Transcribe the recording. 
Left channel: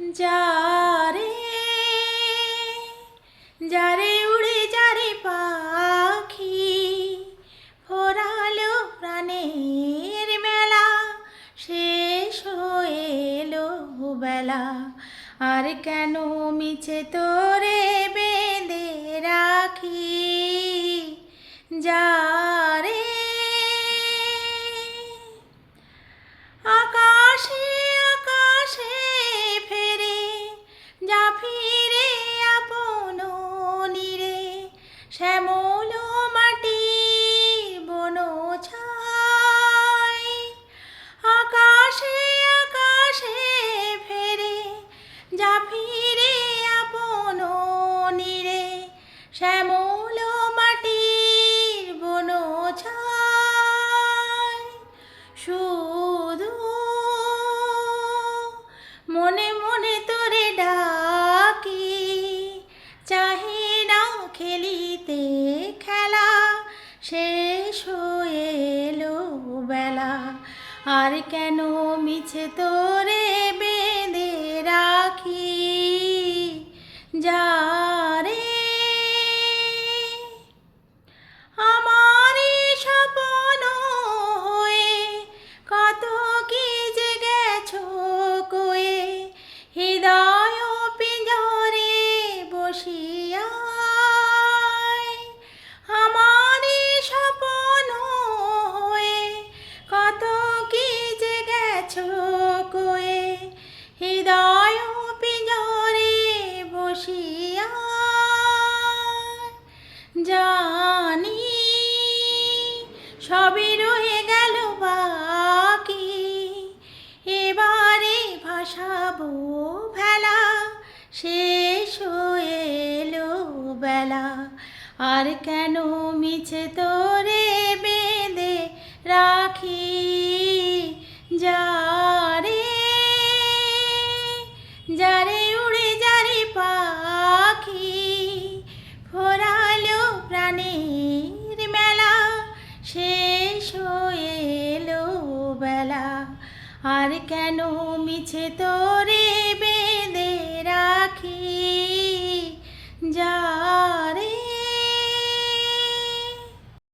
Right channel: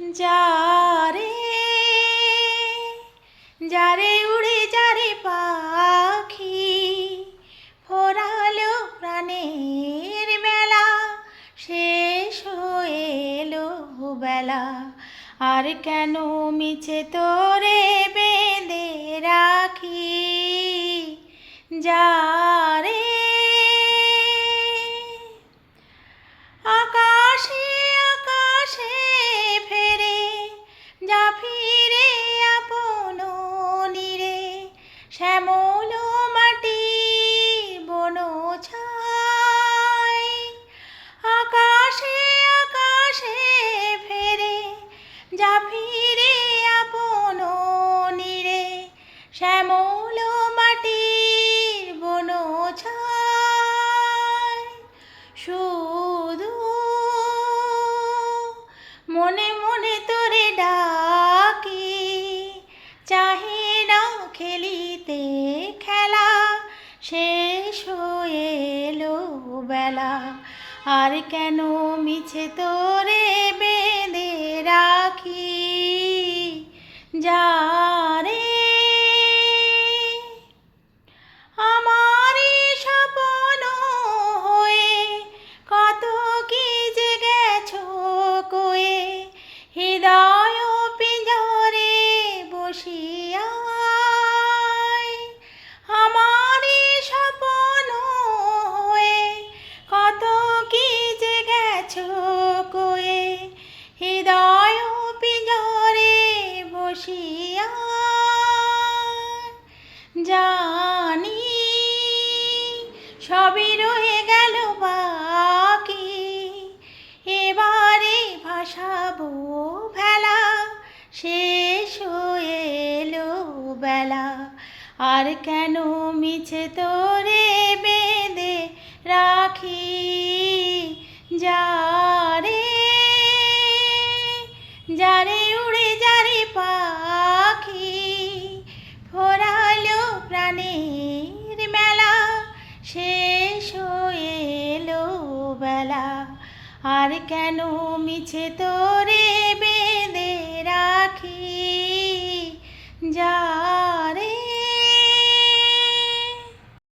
যারে যারে উড়ে যারে পাখি ফোরালো প্রাণের মেলা শেষ হয়ে এলো বেলা আর কেন মিছে তোরে বেঁধে রাখি যারে আকাশে আকাশে ফেরে যা ফিরে আপন নীরে শ্যামল মাটির বন ছাই আকাশে আকাশে ফেরে যা ফিরে আপন নীরে শ্যামল মাটির বন ছাই শুধু মনে মনে তোরে ডাকি চাহে না খেলিতে খেলা শেষ হয়ে এলো বেলা আর কেন মিছে তোরে বেঁধে রাখি যারে আমারই স্বপ্ন হয়ে কত কি যে গেছো কয়ে হৃদয় পিঞ্জরে বসিয়া আমারই স্বপ্ন হয়ে কত কি যে গেছো কয়ে হৃদয় পিঞ্জরে বসিয়া জানি সবই রয়ে গেল বাকি এবারে ভাসাবো ভেলা শেষ হয়ে এলো বেলা আর কেন মিছে তোরে বেঁধে রাখি যারে যারে উড়ে যারে পাখি ফোরালো প্রাণের মেলা শেষ হয়ে এলো বেলা আর কেন মিছে তোরে বেঁধে রাখি যারে